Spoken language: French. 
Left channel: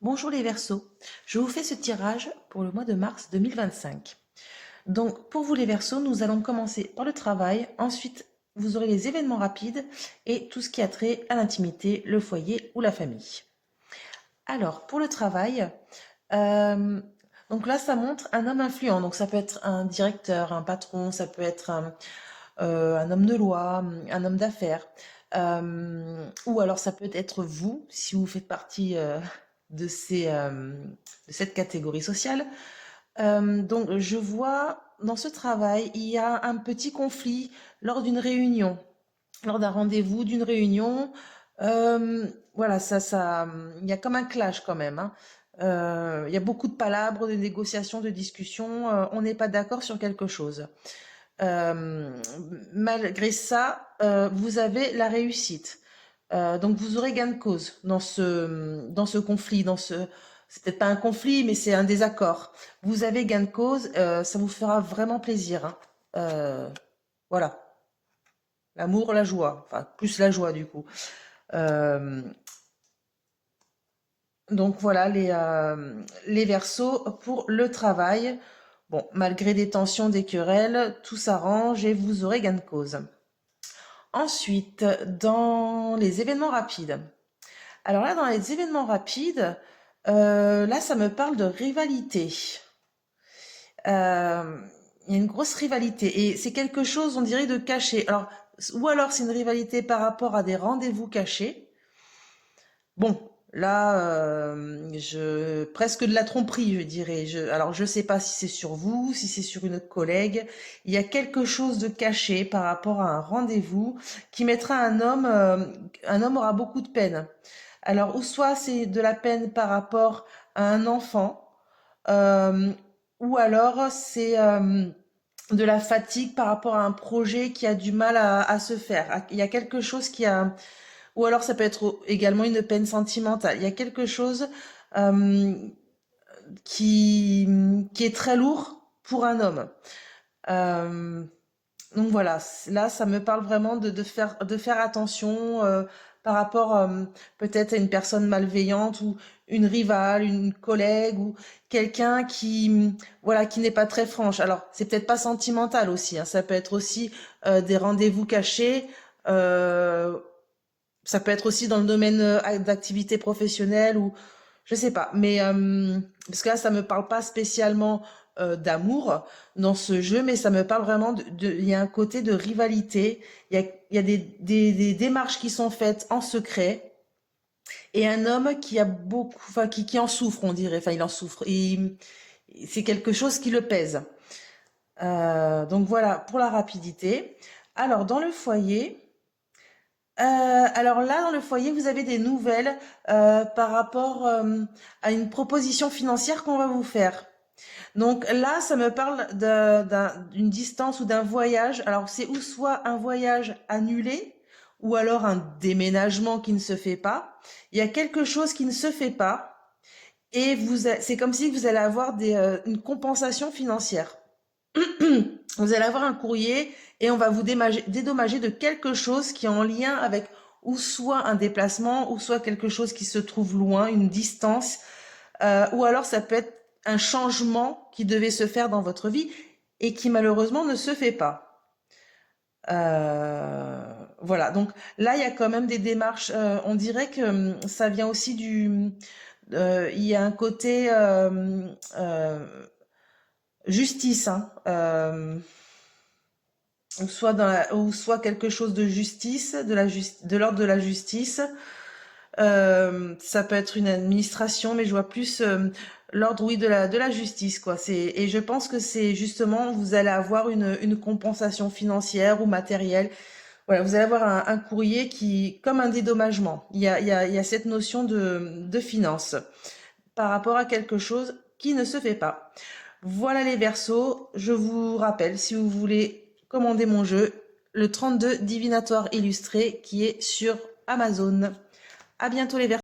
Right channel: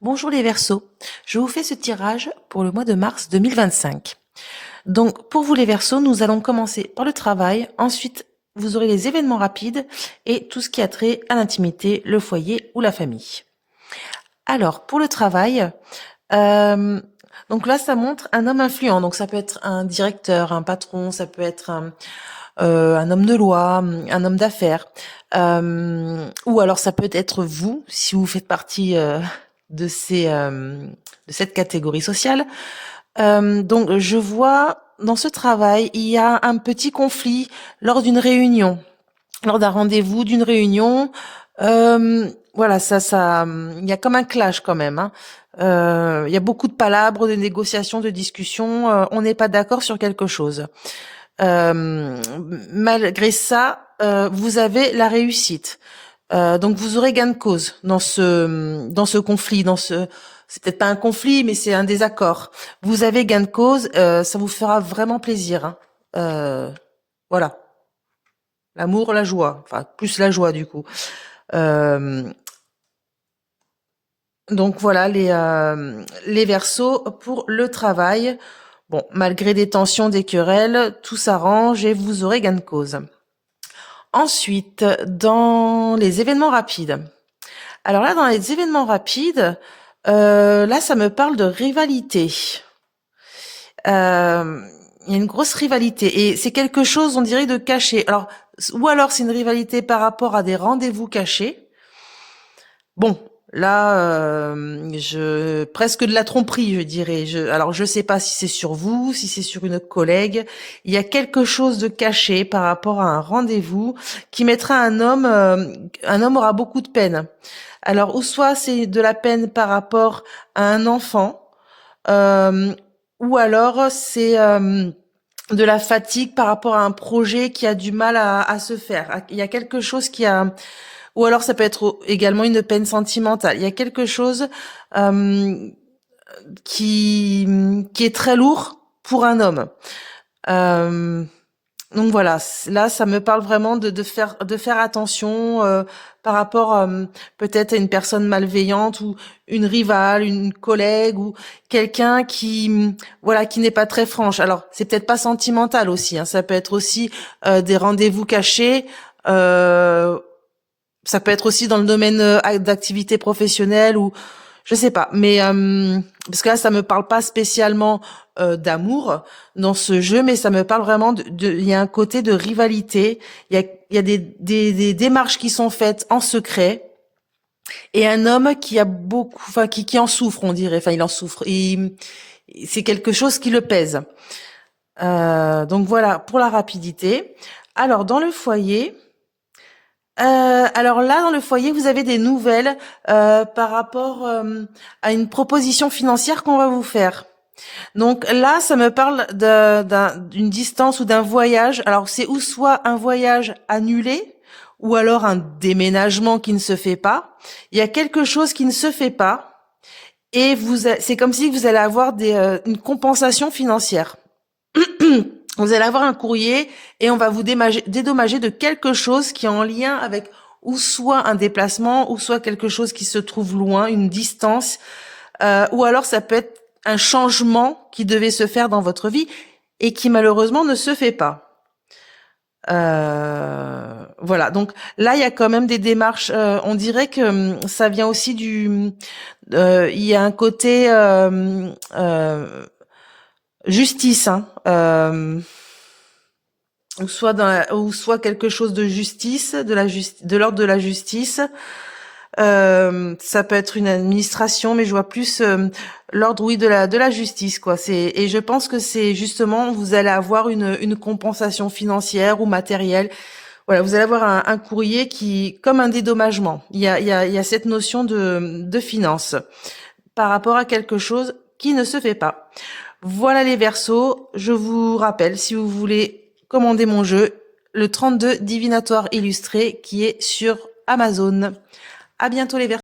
Bonjour les Verseaux, je vous fais ce tirage pour le mois de mars 2025. Donc pour vous les Verseaux, nous allons commencer par le travail, ensuite vous aurez les événements rapides et tout ce qui a trait à l'intimité, le foyer ou la famille. Alors pour le travail, donc là ça montre un homme influent, donc ça peut être un directeur, un patron, ça peut être un homme de loi, un homme d'affaires, ou alors ça peut être vous, si vous faites partie de cette catégorie sociale. Donc je vois dans ce travail, il y a un petit conflit lors d'une réunion, lors d'un rendez-vous, d'une réunion. Voilà, il y a comme un clash quand même, hein. Il y a beaucoup de palabres, de négociations, de discussions. On n'est pas d'accord sur quelque chose. Malgré ça, vous avez la réussite. Donc vous aurez gain de cause dans ce conflit, c'est peut-être pas un conflit, mais c'est un désaccord. Vous avez gain de cause, ça vous fera vraiment plaisir, hein. Voilà, l'amour, la joie, enfin plus la joie du coup. Donc voilà les Verseaux pour le travail. Bon, malgré des tensions, des querelles, tout s'arrange et vous aurez gain de cause. Ensuite, dans les événements rapides. Alors là, dans les événements rapides, là, ça me parle de rivalité. Il y a une grosse rivalité et c'est quelque chose, on dirait, de caché. Alors, ou alors c'est une rivalité par rapport à des rendez-vous cachés. Bon, là, presque de la tromperie, je dirais. Alors, je sais pas si c'est sur vous, si c'est sur une collègue. Il y a quelque chose de caché par rapport à un rendez-vous qui mettra un homme aura beaucoup de peine. Alors, ou soit c'est de la peine par rapport à un enfant, euh, ou alors c'est de la fatigue par rapport à un projet qui a du mal à se faire. Il y a quelque chose qui a ou alors ça peut être également une peine sentimentale. Il y a quelque chose euh, qui est très lourd pour un homme. Euh, donc voilà, là ça me parle vraiment de faire attention par rapport peut-être à une personne malveillante ou une rivale, une collègue ou quelqu'un voilà qui n'est pas très franche. Alors c'est peut-être pas sentimental aussi, hein, ça peut être aussi des rendez-vous cachés. Euh, Ça peut être aussi dans le domaine d'activité professionnelle ou je sais pas. Mais parce que là, ça me parle pas spécialement d'amour dans ce jeu, mais ça me parle vraiment il y a un côté de rivalité. Il y a des démarches qui sont faites en secret et un homme qui a beaucoup, enfin qui en souffre, on dirait. Enfin, il en souffre. C'est quelque chose qui le pèse. Donc voilà pour la rapidité. Alors dans le foyer. Alors là, dans le foyer, vous avez des nouvelles par rapport à une proposition financière qu'on va vous faire. Donc là, ça me parle d'une distance ou d'un voyage. Alors c'est ou soit un voyage annulé ou alors un déménagement qui ne se fait pas. Il y a quelque chose qui ne se fait pas et c'est comme si vous allez avoir une compensation financière. Vous allez avoir un courrier et on va vous dédommager de quelque chose qui est en lien avec ou soit un déplacement ou soit quelque chose qui se trouve loin, une distance, ou alors ça peut être un changement qui devait se faire dans votre vie et qui malheureusement ne se fait pas. Voilà, donc là il y a quand même des démarches. On dirait que ça vient aussi il y a un côté justice, hein. Ou soit quelque chose de justice, de l'ordre de la justice. Ça peut être une administration, mais je vois plus l'ordre, oui, de la justice, quoi. Et je pense que c'est justement, vous allez avoir une compensation financière ou matérielle. Voilà, vous allez avoir un courrier comme un dédommagement. Il y a cette notion de finance par rapport à quelque chose qui ne se fait pas. Voilà les Verseaux. Je vous rappelle, si vous voulez commander mon jeu, le 32 Divinatoire illustré qui est sur Amazon. À bientôt les Verseaux.